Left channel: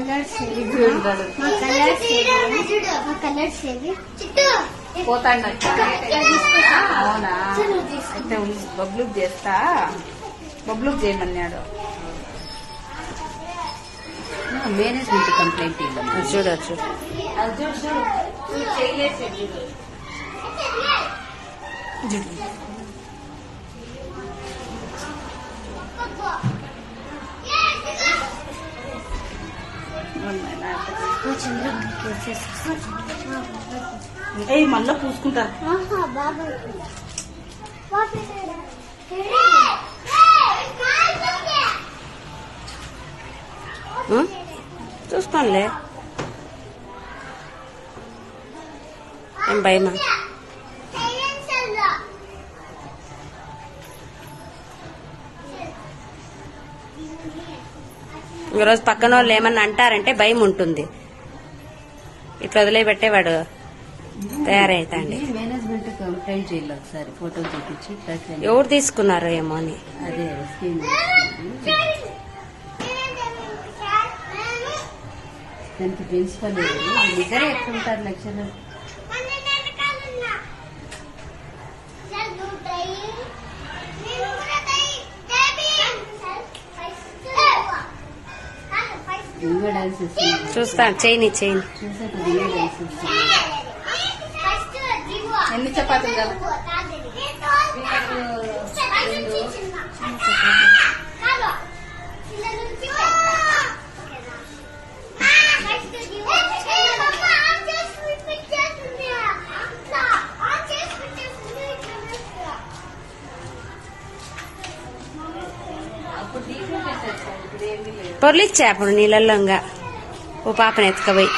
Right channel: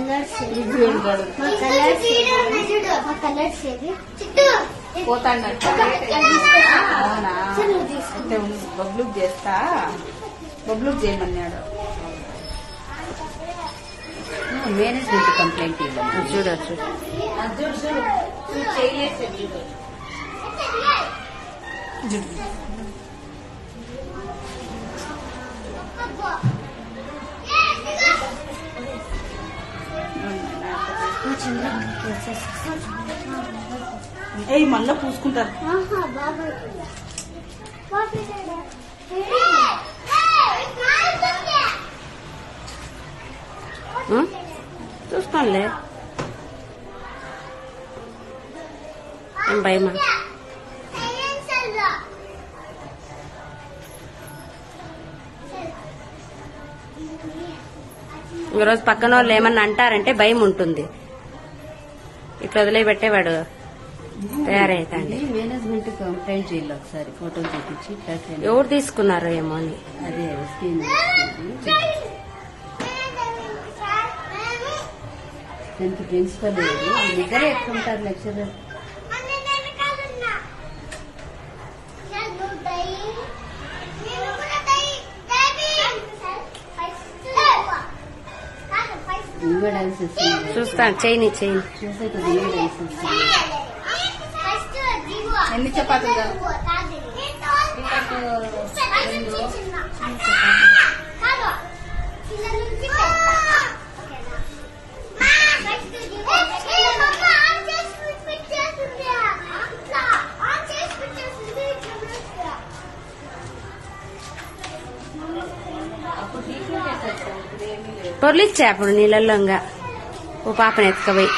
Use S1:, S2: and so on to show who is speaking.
S1: Colours
S2: పోతాడట అవునా? అయితే బబ్లుక్ చేస్తా? బబ్లుక్ చేయమన్నాడు.
S3: మేనేజ్మెంట్ కంప్లైంట్ ఇవ్వండి
S4: చూడొచ్చు
S2: ఏయ్ మళ్ళా పూసుకుంటారు
S4: ఆ? చూసుకోనులే ఏం భయమా? ఈరోజు పక్కన వాళ్ళు ఏమన్నా అంటారంటే భయం ఉంటుంది. ఇట్లా వదిలేపెట్టేవాడు తయారైతాండి. ఎవరు తీసుకున్నారో ఏమో అని.
S3: ప్రిన్సిపల్ ఎట్లుంటారు లెక్చరర్
S4: చూస్తాను చేయని చేయని
S3: చూసాక ఇంకా డాన్స్ ఇస్తుంది
S2: ఎన్ని చపాతీలు కావాలి?
S4: పొర్లిచ్చా అప్పుడు నీళ్ళల్లో ఇంకా ఓ పాపని ఎత్తుకపోయి.